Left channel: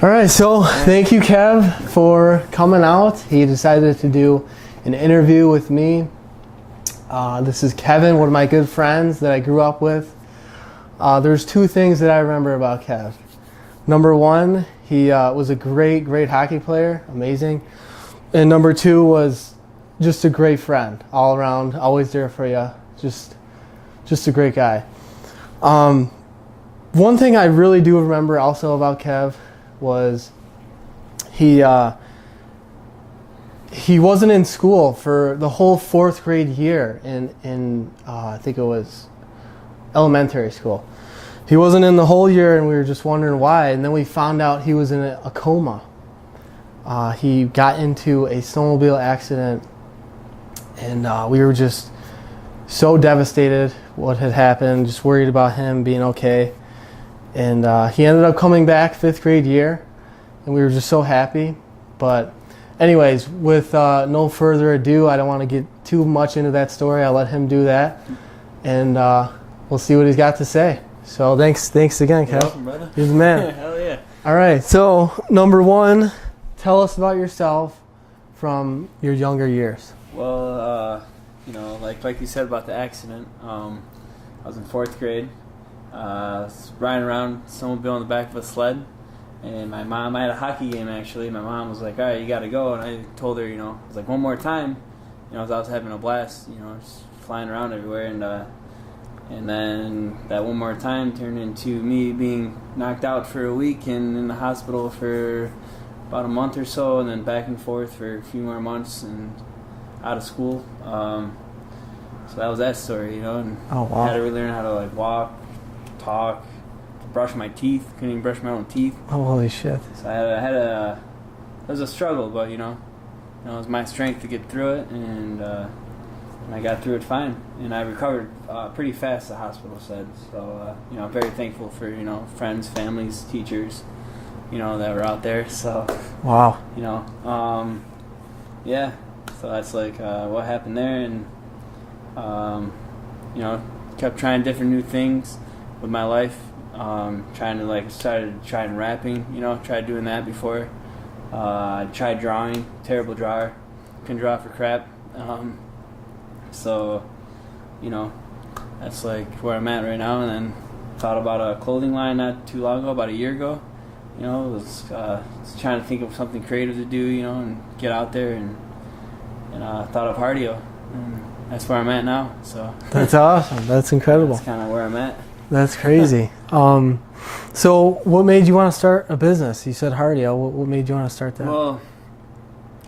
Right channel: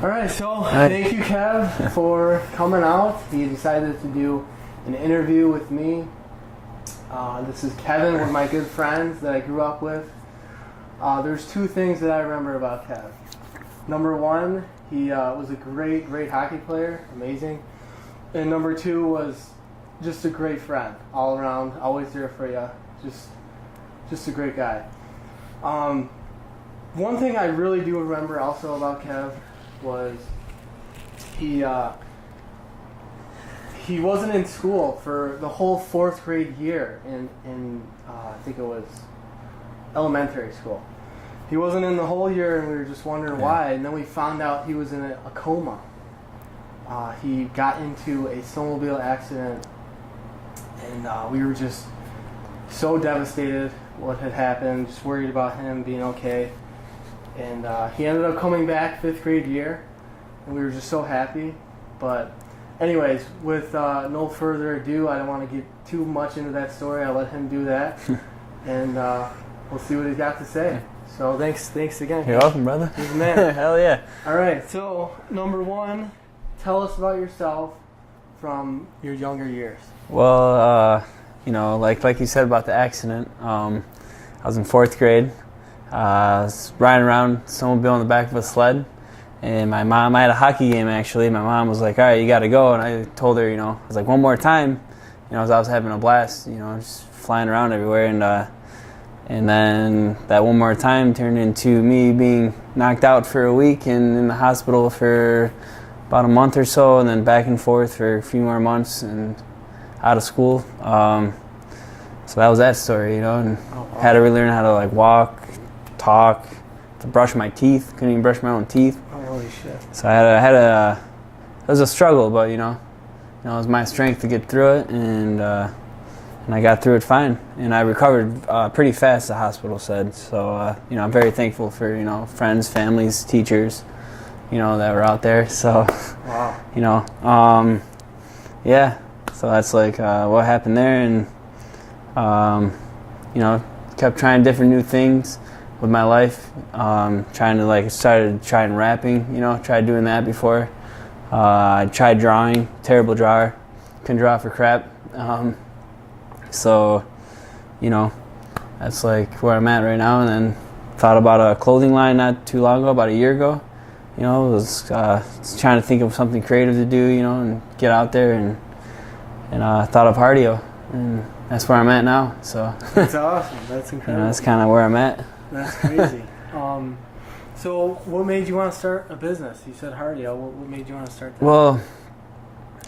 All right, so thank you, Kev, for coming out. He decided to do an interview with me. This is Kevin, one of my good friends that I grew up with. There's two things that I remember about Kev. Number one, he was a great hockey player, amazing. And number two was just a great friend, all around, always there for you, just a great guy. One thing I really do remember also about Kev was he wasn't in school for the whole 4th grade year in I think it was elementary school. He wasn't in the whole year, and we were just wondering why. And then we found out he was in a coma. He got into a snowmobile accident, and we were just so devastated what had happened, just worried about him being okay. And he ended up coming back 5th grade year, and we were just so happy. But anyways, with no further ado, I don't want to get too much into that story. I'll let him do that, and we'll see what he's got to say. So thanks again, Kyle. You're welcome, brother. You're the man. Hell yeah. All right, so number one, tell us about yourself from your younger years. Well, like you said about the accident, I was in 4th grade. I was riding around snowmobile on the back of a sled, and my mom, I had a hockey game actually. My mom was like, all right, you got to go. And I told her, I was like, one more time. I was having a blast, just flying around everywhere. And then that one more time turned into me being knocked out for a week and in the hospital for about a month or so, and then back and forth for a few more months and out of school. So that was that story, and had to relearn how to walk, talk, to brush my teeth. Couldn't even brush my own teeth. Oh, holy shit! So it was a struggle, but it was my strength to get through it, and I got through it fine, and I recovered pretty fast. The hospital said so. I'm very thankful for friends, families, teachers, that were out there. So wow, yeah. So that's what happened there, and kept trying different new things with my life. Started trying rapping, tried doing that before. I tried drawing, terrible drawer, couldn't draw for crap. So, that's where I'm at right now. And then thought about a clothing line not too long ago, about a year ago. Was trying to think of something creative to do, and get out there, and thought of Hartio, and that's where I'm at now. So that's awesome. That's incredible. That's kind of where I'm at. That's crazy. So what made you want to start a business? You said Hartio. What made you want to start that? Well,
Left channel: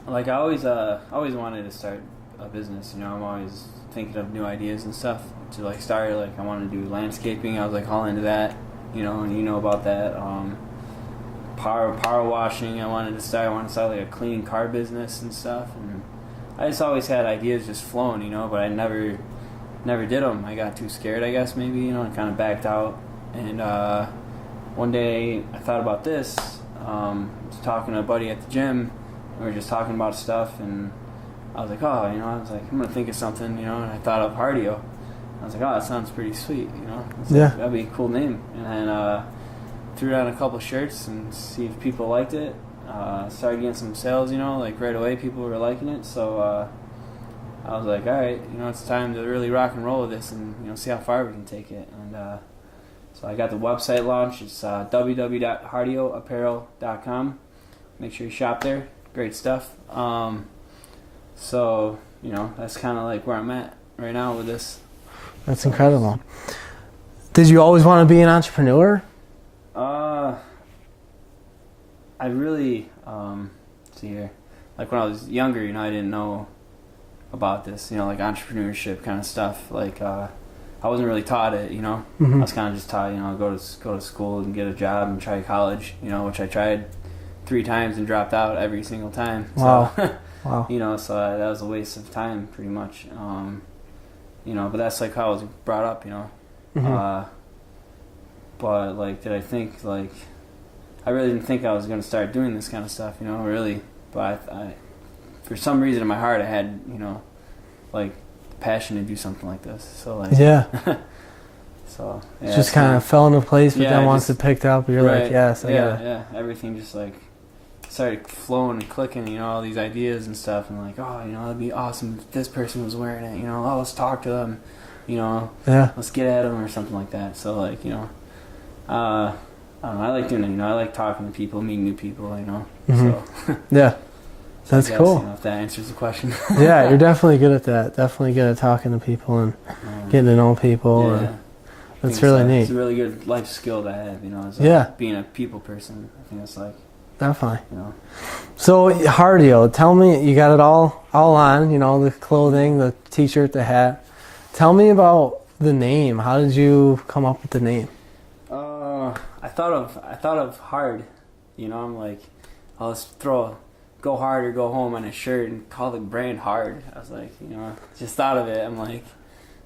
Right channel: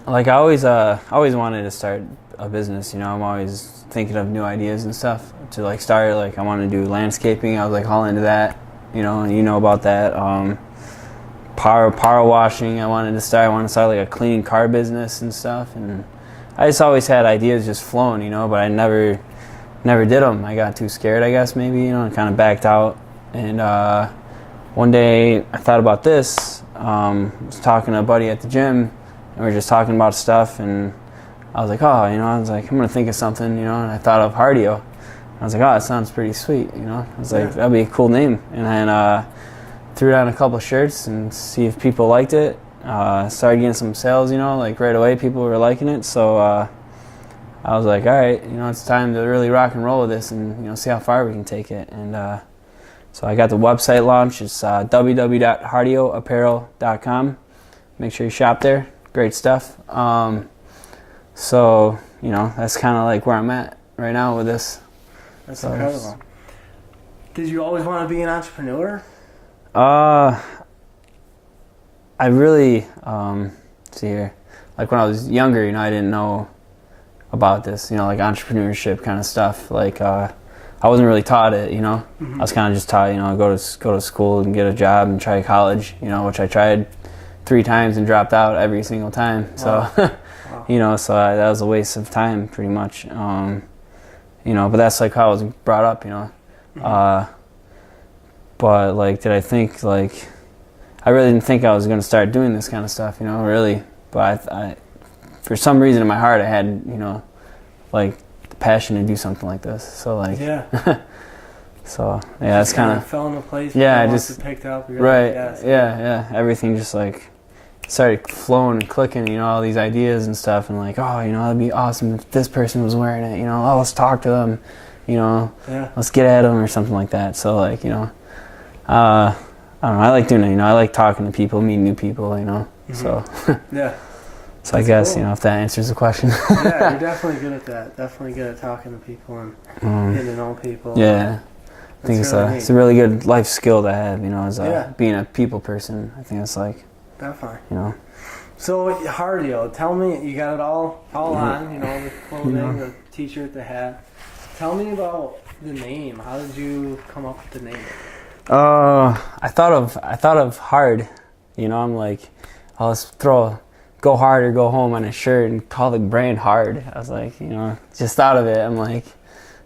I always wanted to start a business. I'm always thinking of new ideas and stuff to start. I wanted to do landscaping. I was all into that, and about that. Power washing. I wanted to start a cleaning car business and stuff. And I just always had ideas just flowing, but I never did them. I got too scared, I guess, maybe, and kind of backed out. And one day I thought about this. I was talking to a buddy at the gym, and we were just talking about stuff, and I was like, I'm going to think of something, and I thought of Hartio. I was like, that sounds pretty sweet, I was like, that'd be a cool name. And then threw down a couple shirts and see if people liked it. Started getting some sales, right away. People were liking it, so I was like, all right, it's time to really rock and roll with this, and see how far we can take it. And so I got the website launched. It's www.hartioapparel.com. Make sure you shop there. Great stuff. So that's kind of where I'm at right now with this. That's incredible. Did you always want to be an entrepreneur? I really, see here, when I was younger, I didn't know about this, entrepreneurship kind of stuff. I wasn't really taught it, Mm-hmm. I was kind of just taught, go to school and get a job and try college, which I tried 3 times and dropped out every single time. Wow. So, Wow. So that was a waste of time pretty much. But that's how I was brought up, Mm-hmm. But did I think I really didn't think I was going to start doing this kind of stuff, really. But I, for some reason in my heart, I had, the passion to do something like this. So yeah. So yeah, just kind of fell into place. But then once it picked up, you're right, like, yes, yeah. Everything just like started flowing and clicking. You know, all these ideas and stuff, and like, oh, you know, it'd be awesome if this person was wearing it. You know, oh, let's talk to them. You know, let's get at them or something like that. So like, you know, I don't know. I like doing it. You know, I like talking to people, meeting new people. You know, so yeah. So I guess, you know, if that answers the question. Yeah, you're definitely good at that. Definitely good at talking to people and getting to know people. Yeah. That's really neat. It's a really good life skill to have, you know, as being a people person. I think it's like... Definitely. You know. So, Hartio, tell me, you got it all on, you know, the clothing, the t-shirt, the hat. Tell me about the name. How did you come up with the name? I thought of hard. You know, I'm like, I'll just go hard or go home on a shirt and call the brand Hard. I was like, you know, just thought of it. I'm like,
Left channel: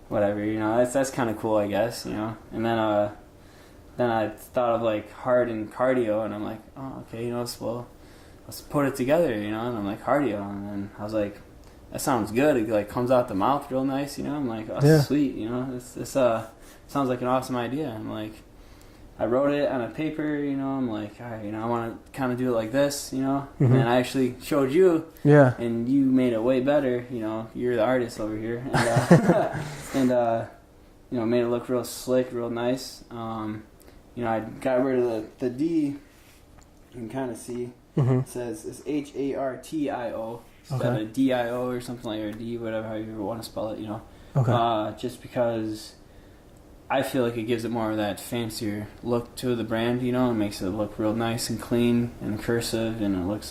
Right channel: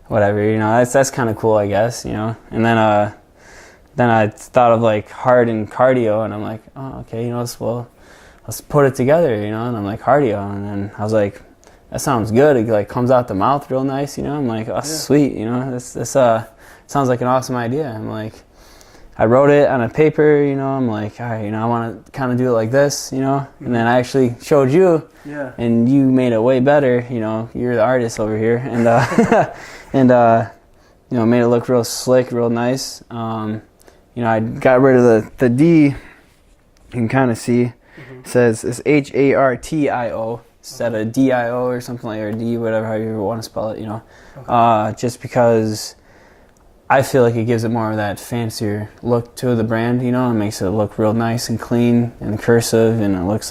whatever, you know, that's kind of cool, I guess, you know. And then I thought of like hard and cardio, and I'm like, oh, okay, you know, let's put it together, you know. And I'm like, Hartio, and then I was like, that sounds good. It like comes out the mouth real nice, you know. I'm like, oh, sweet, you know. This sounds like an awesome idea. I'm like, I wrote it on a paper, you know. I'm like, all right, you know, I want to kind of do it like this, you know. And then I actually showed you, and you made it way better, you know. You're the artist over here, and and you know, made it look real slick, real nice. You know, I got rid of the D. You can kind of see. It says it's Hartio instead of DIO or something like, or D, whatever, how you want to spell it, you know. Just because I feel like it gives it more of that fancier look to the brand, you know. It makes it look real nice and clean and cursive, and it looks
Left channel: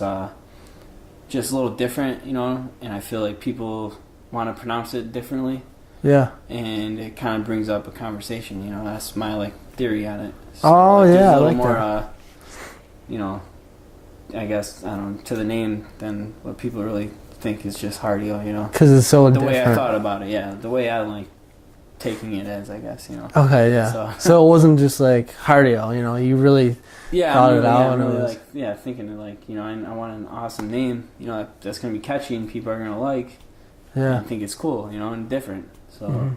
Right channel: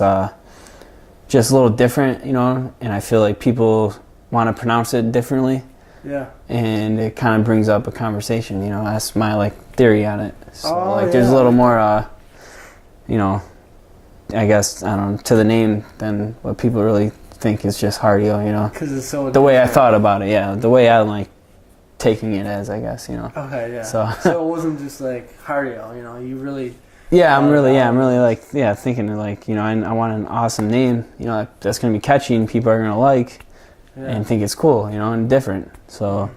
just a little different, you know. And I feel like people want to pronounce it differently. Yeah. And it kind of brings up a conversation, you know. That's my like theory on it. So there's a little more, you know, I guess, I don't know, to the name than what people really think is just Hartio, you know. Because it's so different. The way I thought about it, the way I like taking it as, I guess, you know. Okay, yeah. So it wasn't just like Hartio, you know. You really. I'm really like thinking like, you know, I want an awesome name, you know, that's gonna be catchy and people are gonna like, and think it's cool, you know, and different. So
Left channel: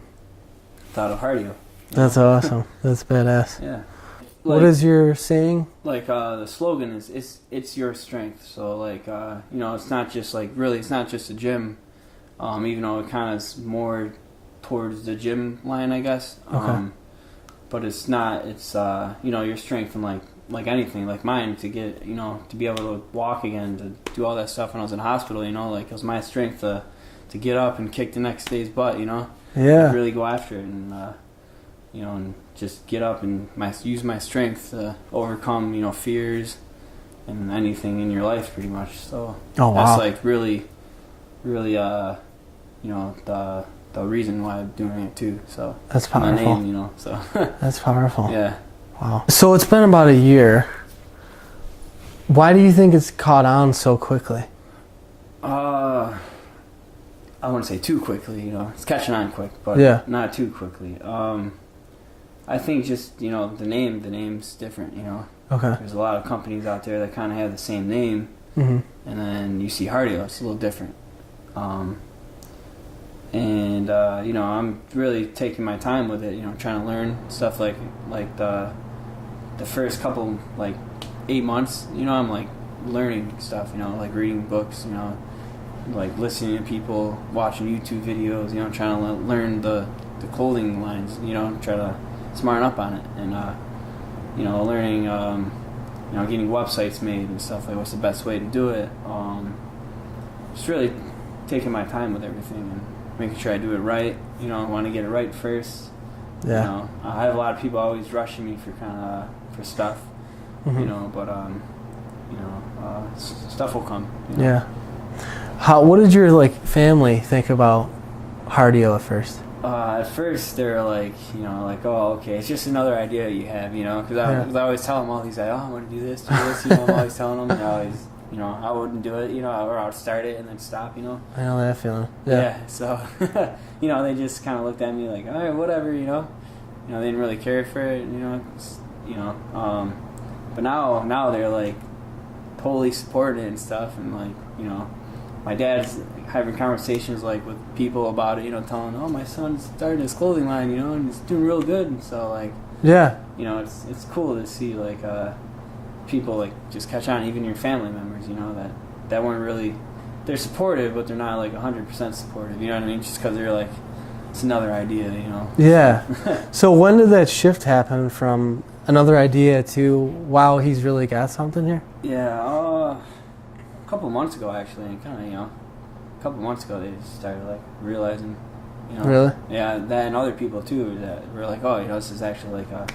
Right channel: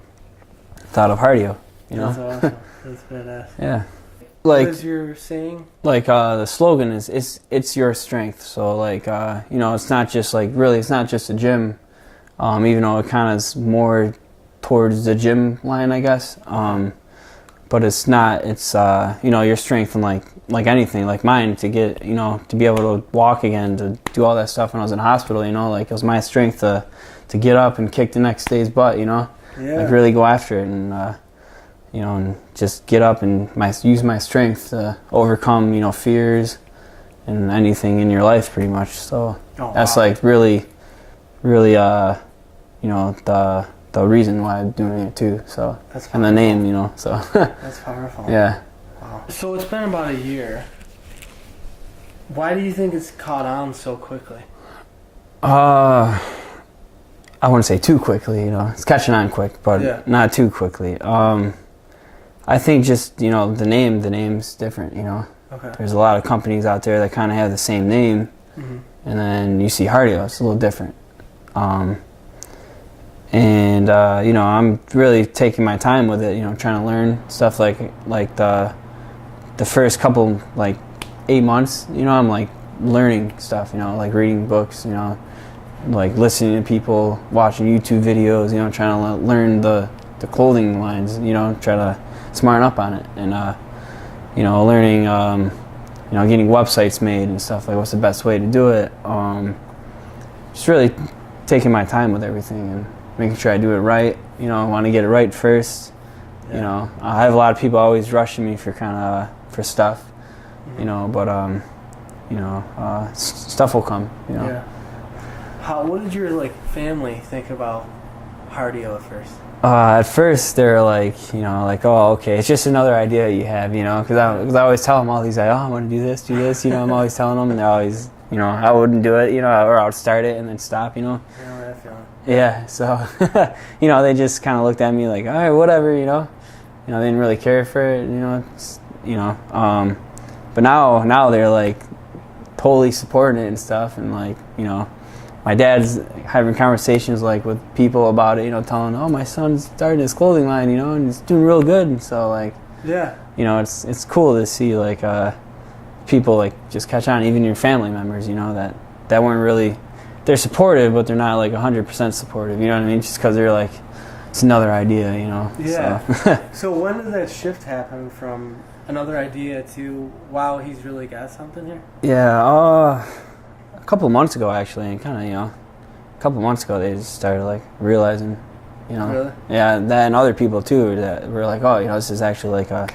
thought of Hartio. That's awesome. That's badass. Yeah. Like, what is your saying? Like the slogan is it's your strength. So like you know, it's not just like, really, it's not just a gym, even though it kind of is more towards the gym line, I guess. But it's not. It's you know, your strength and like anything, like mine, to get, you know, to be able to walk again, to do all that stuff when I was in hospital, you know, like it was my strength to get up and kick the next day's butt, you know. Yeah. Like really go after it and you know, and just get up and use my strength to overcome, you know, fears and anything in your life, pretty much. So that's like really, really, you know, the reason why I'm doing it too. So that's powerful. And the name, you know. So that's powerful. Yeah. Wow. So it's been about a year. Why do you think it's caught on so quickly? I wouldn't say too quickly, you know. It's catching on quick, but not too quickly. I think just, you know, the name's different, you know. Okay. There's a lot of companies out there that kind of have the same name, and then you see Hartio, it's a little different. And you know, I'm really taking my time with it, you know, trying to learn stuff like the first couple, like 8 months, you know, I'm like learning stuff, you know, like reading books, you know, like listening to people, watching YouTube videos, you know, trying to learn the clothing lines, you know, try to smarten up on it, and you know, learning, you know, getting websites made and stuff, like what's the best way to do it. Just really taking my time with everything and making sure I do it right. You know, I want to get it right first. You know, I have a lot of people always rushing me for for stuff, you know, but you know, stuff will come. You know? Yeah. What did your like family think about Hartio at first? At first, they're like, you know, like, oh, okay, it's just another idea you have, you know, because I always tell them all these, like, oh, I want to do this, you know, I'm always telling them, and they're always, you know, I wouldn't do it, you know, or I would start it and then stop, you know. I know that feeling. Yeah, so, you know, they just kind of looked at me like, all right, whatever, you know. You know, they didn't really care for it, you know, but now they're like totally supporting it and stuff, and like, you know, my dad's having conversations like with people about it, you know, telling, oh, my son's starting his clothing line, you know, and he's doing real good. And so like, Yeah. you know, it's cool to see like people like just catch on, even your family members, you know, that weren't really, they're supportive, but they're not like 100% supportive, you know what I mean? Just because they're like, it's another idea, you know. Yeah. So, So when did that shift happen from another idea to, wow, he's really got something here? yeah, a couple months ago actually, and kind of, you know, a couple months ago they just started like realizing, you know. Really? Yeah, that and other people too that were like, oh, you know, this is actually like a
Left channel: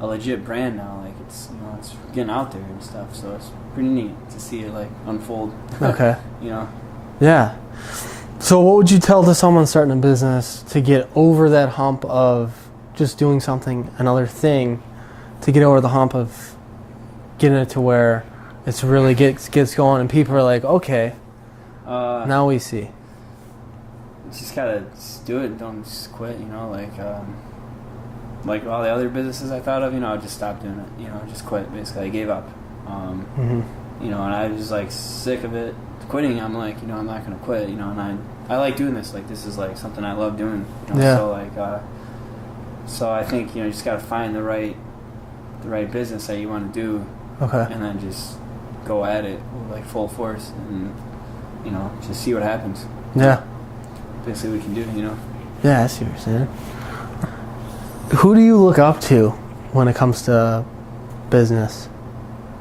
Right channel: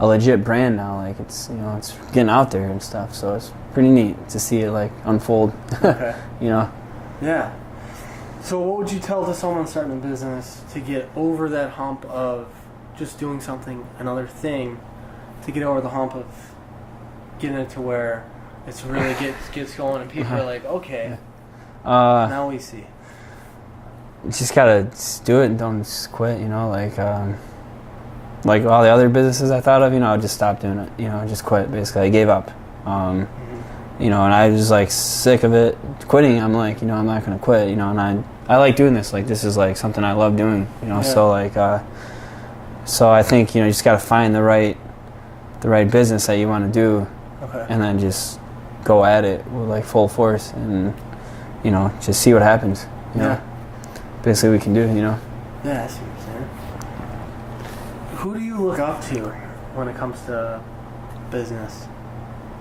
legit brand now. Like it's, you know, it's getting out there and stuff. So it's pretty neat to see it like unfold. Okay. You know. Yeah. So what would you tell to someone starting a business to get over that hump of just doing something, another thing, to get over the hump of getting it to where it's really gets going and people are like, okay, now we see. Just gotta do it and don't just quit. You know, like all the other businesses I thought of, you know, I just stopped doing it. You know, I just quit. Basically, I gave up. You know, and I was like sick of it quitting. I'm like, you know, I'm not gonna quit. You know, and I like doing this. Like this is like something I love doing. You know, Yeah. so like, so I think, you know, you just gotta find the right business that you want to do, Okay. and then just go at it with like full force, and you know, just see what happens. Yeah. Basically, we can do. You know. Yeah, I see what you're saying. Who do you look up to when it comes to business?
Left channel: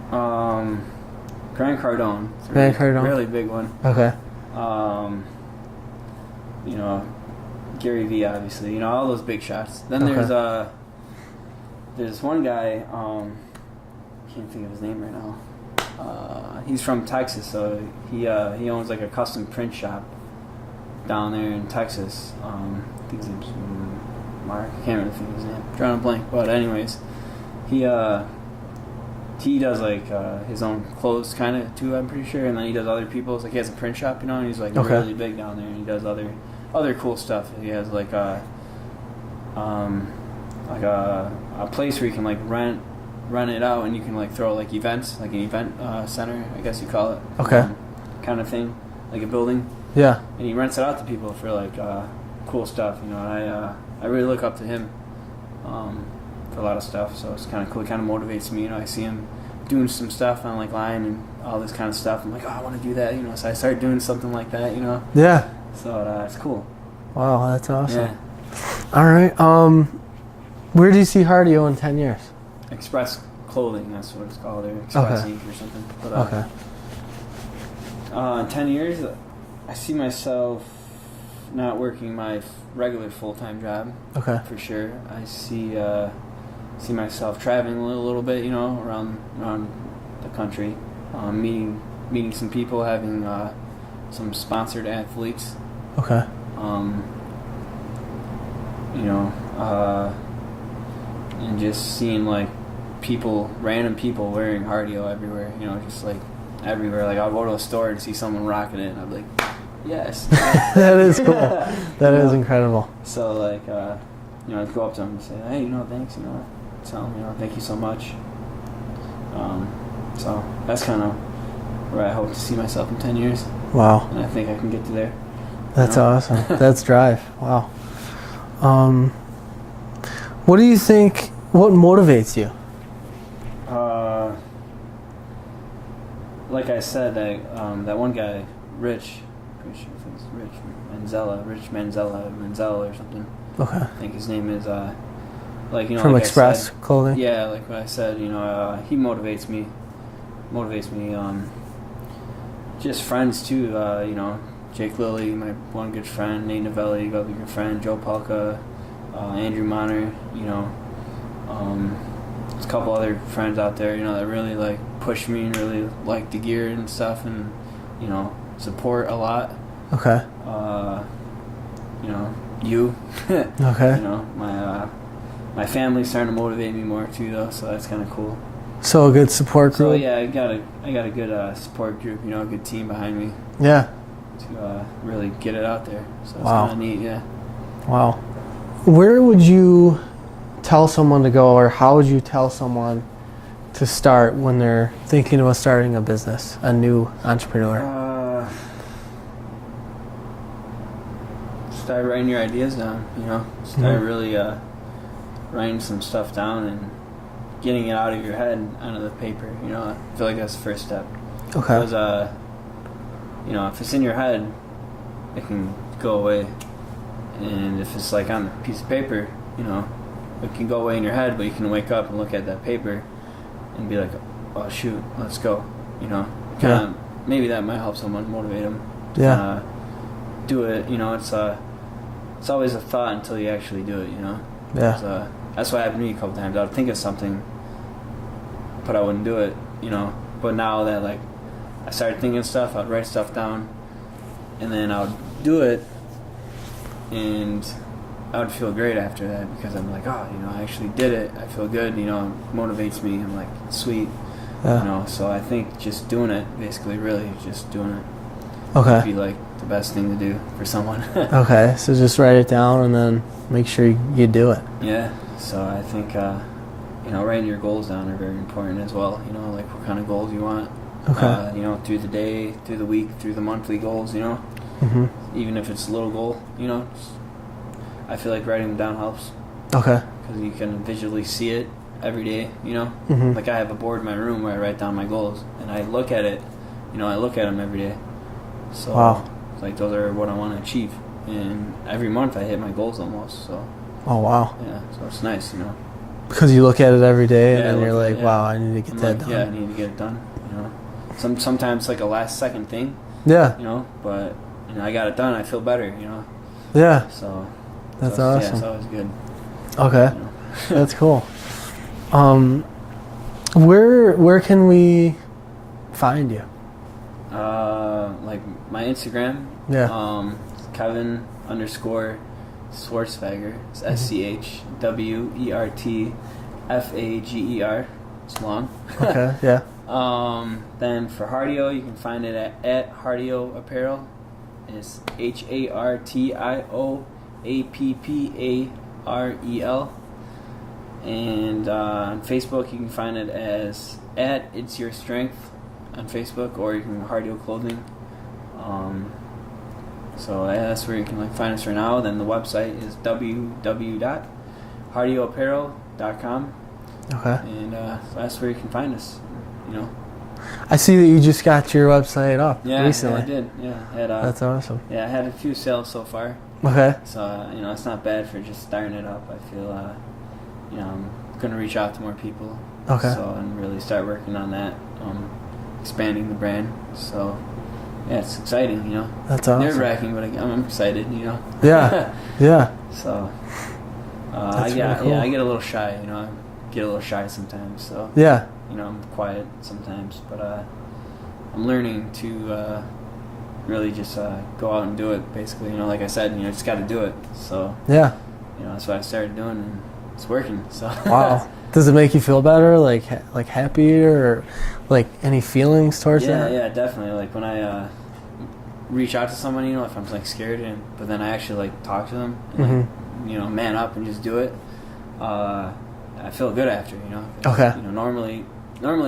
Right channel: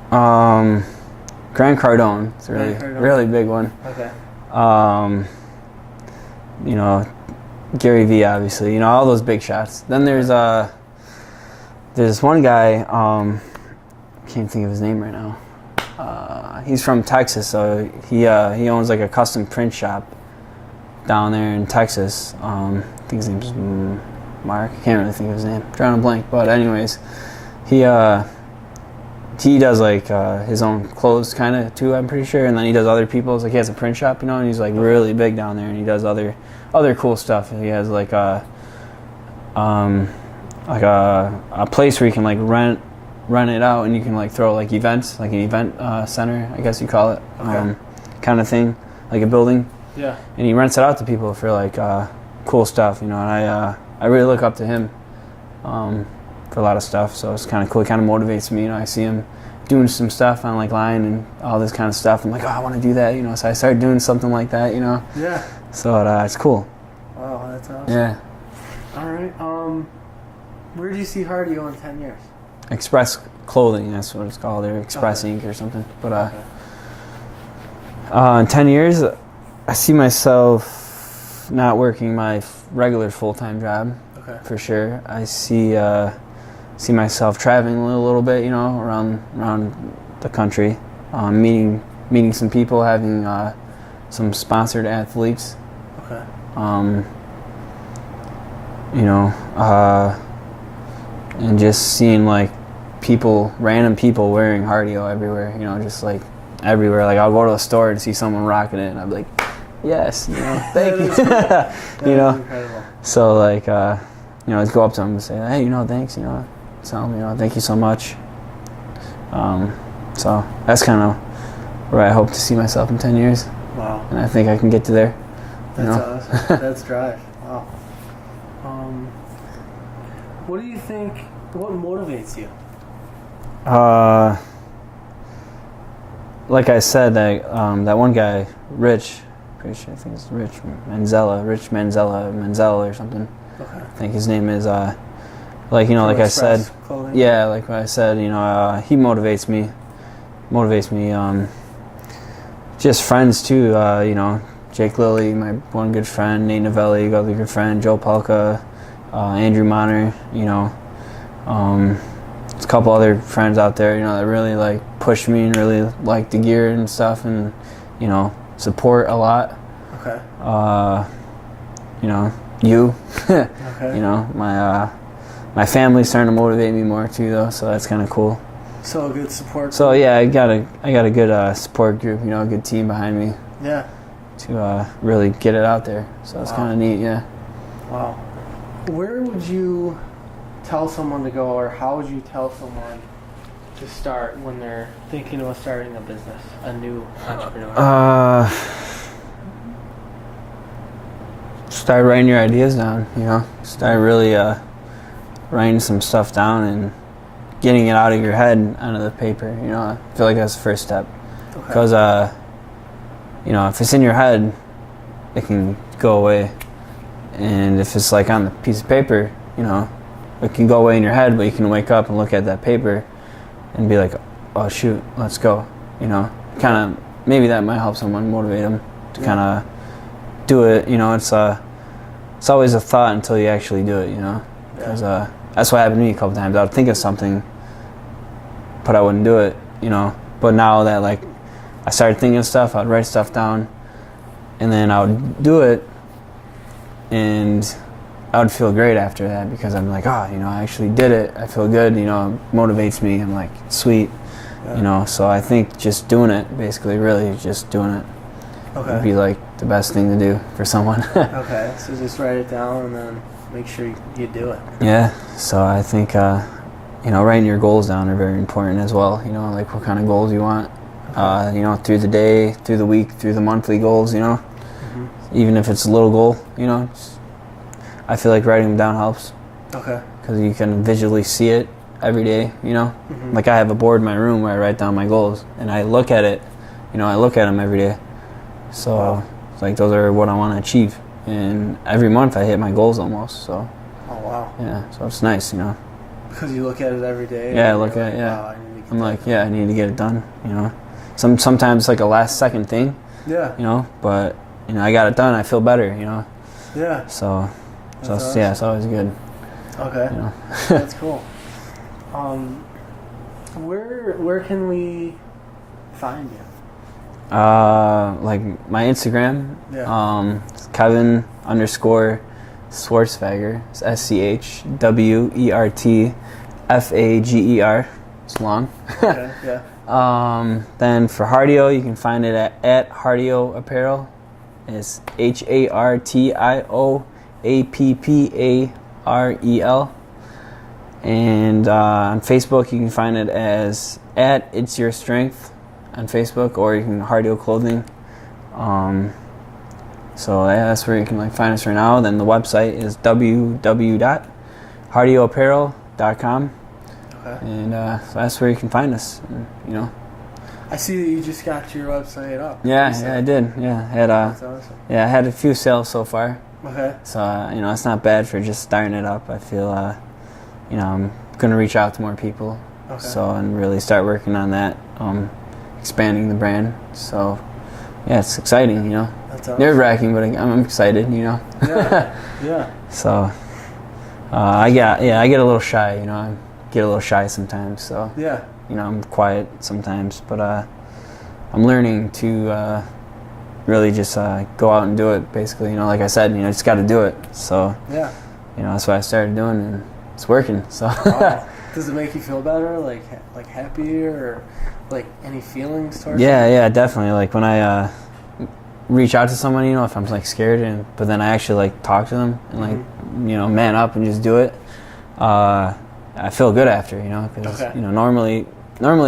Grant Cardone. It's a Grant Cardone. really big one. Okay. You know, Gary Vee, obviously. You know, all those big shots. Then Okay. there's one guy. Can't think of his name right now. He's from Texas, so he owns like a custom print shop down there in Texas. I think his name's Mark. I can't really think of his name. I'm drawing a blank. But anyways, he does like his own clothes kind of too, I'm pretty sure, and then he does other people's. Like he has a print shop, you know, and he's like really big down there, and he does other cool stuff. He has like a place where you can like rent it out, and you can like throw like events, like an event center, I guess you call it. Okay. Kind of thing, like a building. Yeah. And he rents it out to people for like cool stuff, you know. And I really look up to him for a lot of stuff. So it's kind of cool. It kind of motivates me. You know, I see him doing some stuff on like line and all this kind of stuff. I'm like, oh, I want to do that. You know, so I started doing something like that. You know. Yeah. So it's cool. Wow, that's awesome. Yeah. All right. Where do you see Hartio in 10 years? Express Clothing. That's what it's called. Or Express Okay. Inc. or something. But Okay. in 10 years, I see myself not working my regular full-time job. Okay. For sure. I see myself traveling a little bit, you know, around the country, meeting some people, having some sponsored athletes. Okay. You know, and just seeing like random people wearing Hartio everywhere. You know, just like everywhere. Like I'll go to a store and see someone rocking it, and I'm like, yes. That is cool. That is incredible. So like, you know, I'd go up to them and say, hey, you know, thanks, you know, tell them, you know, thank you so much. So that's kind of where I hope to see myself in 10 years. Wow. And I think I can get to there. That's awesome. That's drive. Wow. What do you think, what motivates you? Like I said, that one guy, Rich, pretty sure I think it's Rich Manzella or something. Okay. I think his name is, like, you know, From like Express I said. Clothing? Yeah, like I said, you know, he motivates me. Just friends too, you know, Jake Lilly, my one good friend, Nate Novelli, other good friend, Joe Palka, Andrew Monner, you know. There's a couple other friends out there, you know, that really like push me and really like the gear and stuff, and you know, support a lot. Okay. You know, you. Okay. You know, my family's starting to motivate me more too, though, so that's kind of cool. So a good support group? So yeah, I got a good support group, you know, a good team behind me. Yeah. To really get it out there. So it's kind of neat, yeah. Wow. Where would you tell someone to go, or how would you tell someone to start when they're thinking about starting a business, a new entrepreneur? start writing your ideas down. You know, start really writing some stuff down and getting it out of your head onto the paper. You know, I feel like that's the first step. Okay. Because you know, if it's in your head, it can go away, and if it's like on a piece of paper, you know, it can go away in your head, but you can wake up and look at that paper and be like, oh shoot, let's go. You know, kind of maybe that might help someone, motivate them to kind of do it. You know, it's always a thought until you actually do it. You know, that's what happened to me a couple times. I would think of something, but I wouldn't do it. You know, but now that like I started thinking of stuff, I'd write stuff down, and then I would do it, and I would feel great after that because I'm like, oh, you know, I actually did it. I feel good. You know, it motivates me. I'm like, sweet. You know, so I think just doing it, basically, really just doing it, would be like the best thing to do for someone. Okay, so just write it down and then make sure you do it. Yeah, so I think, you know, writing your goals down are very important as well. You know, like what kind of goals you want, you know, through the day, through the week, through the monthly goals, you know. Even if it's a little goal, you know, I feel like writing them down helps. Okay. Because you can visually see it every day, you know. Like I have a board in my room where I write down my goals, and I look at it, you know, I look at them every day. So it's like those are what I want to achieve, and every month I hit my goals almost. So. Oh wow. Yeah, so it's nice, you know. Because you look at it every day, and you're like, wow, I need to get that done. Yeah, I need to get it done. You know, sometimes it's like a last second thing. Yeah. You know, but you know, I got it done. I feel better. You know. Yeah. So. That's awesome. Yeah, it's always good. Okay. You know? That's cool. Where can we find you? Like my Instagram. Yeah. Kevin _Schwertfager. It's SCHWERTFAGER. It's long. Okay. Yeah. Then for Hartio, you can find it at Hartio Apparel. It's HARTIOAPPAREL. And on Facebook, you can find it as at It's Your Strength on Facebook, or you can Hartio Clothing. So yeah, that's where you can find us right now. Then the website is www.hartioapparel.com. Okay. And so that's where you can find us. You know. I see that you just got your website up. Yeah, I did. Yeah, that's awesome. Yeah, I had a few sales so far. Okay. So you know, it's not bad for just starting it up. I feel you know, I'm gonna reach out to more people. Okay. So and really start working on that, expanding the brand. So yeah, it's exciting. You know. That's awesome. Nerve-wracking, but I'm excited. You know. Yeah. Yeah. So I get cool. I get a little shy. You know, I get a little shy sometimes. So yeah. You know, I'm quiet sometimes, but I'm learning to really just go out and do it. Basically, you know, like I said, you know, just got to do it. So yeah, you know, that's what I started doing, and it's working. So wow. Does it make you feel better, like happier, or like any feelings towards it? Yeah, definitely. Like when I reach out to someone, you know, if I'm like scared, but then I actually like talk to them and like you know, man up and just do it. I feel good after, you know. Okay. You know, normally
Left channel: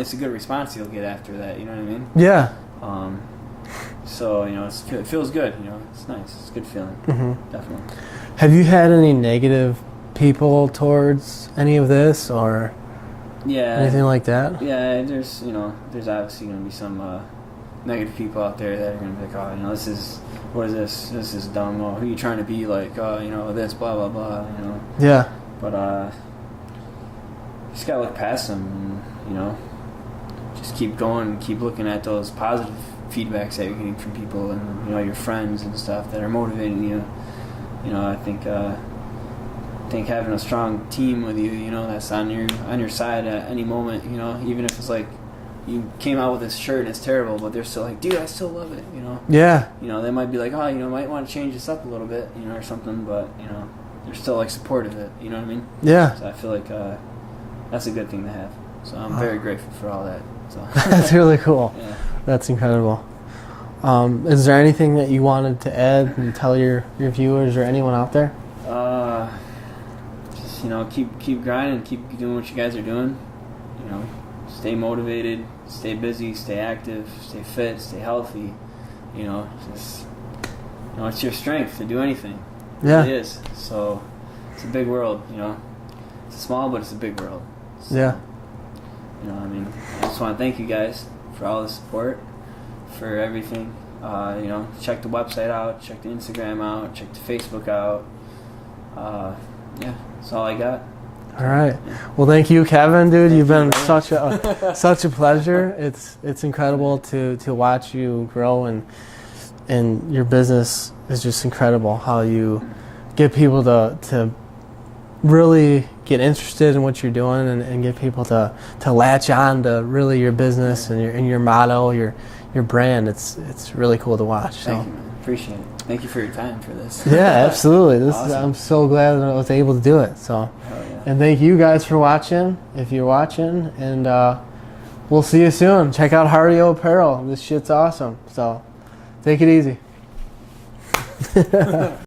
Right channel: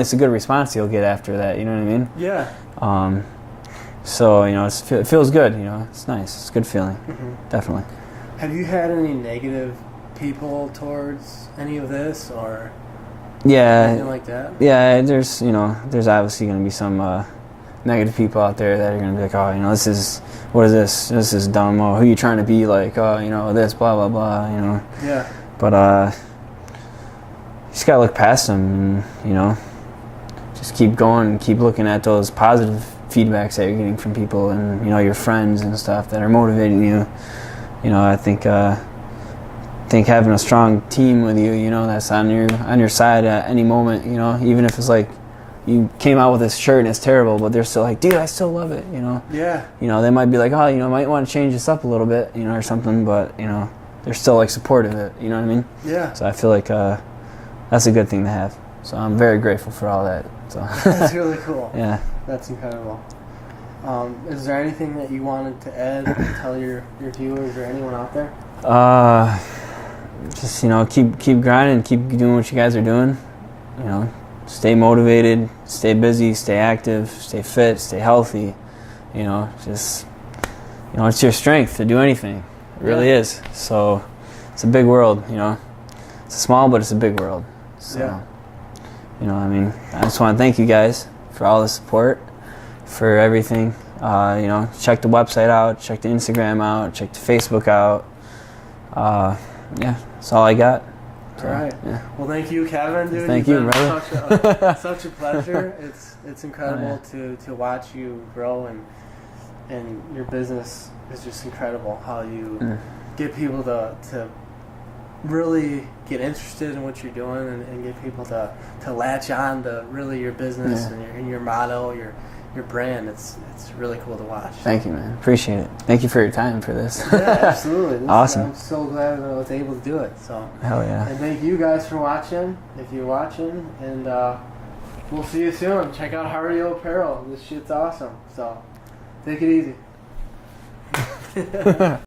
it's a good response you'll get after that. You know what I mean? Yeah. So you know, it feels good. You know, it's nice. It's a good feeling. Definitely. Have you had any negative people towards any of this, or anything like that? Yeah, there's obviously going to be some negative people out there that are going to be like, oh, you know, what is this? This is dumb. Oh, who are you trying to be? Like, oh, you know, this, blah blah blah. You know. Yeah. But you just gotta look past them, and you know, just keep going and keep looking at those positive feedbacks that you're getting from people, and you know, your friends and stuff that are motivating you. You know, I think having a strong team with you, you know, that's on your side at any moment. You know, even if it's like you came out with this shirt and it's terrible, but they're still like, dude, I still love it. You know. Yeah. You know, they might be like, oh, you know, might want to change this up a little bit, you know, or something, but you know, they're still like supportive of it. You know what I mean? Yeah. So I feel like that's a good thing to have. So I'm very grateful for all that. So that's really cool. Yeah. That's incredible. Is there anything that you wanted to add and tell your viewers or anyone out there? Just, you know, keep grinding, keep doing what you guys are doing. You know, stay motivated, stay busy, stay active, stay fit, stay healthy. You know, just, you know, it's your strength to do anything. It really is. So it's a big world, you know. It's small, but it's a big world. So, Yeah. You know, I mean, I just want to thank you guys for all the support, for everything. You know, check the website out, check the Instagram out, check the Facebook out. Yeah, that's all I got. All right. Yeah. Well, thank you, Kevin, dude. Thank You've you, been brother. such a pleasure. It's incredible to watch you grow, and your business is just incredible. How you get people to really get interested in what you're doing, and get people to latch on to really your business and your motto, your brand. It's really cool to watch. Thank you, man. Appreciate it. Thank you for your time for this. Yeah, absolutely. Awesome. I'm so glad that I was able to do it. So. Hell yeah. And thank you guys for watching, if you're watching, and we'll see you soon. Check out Hartio Apparel. This shit's awesome. So take it easy.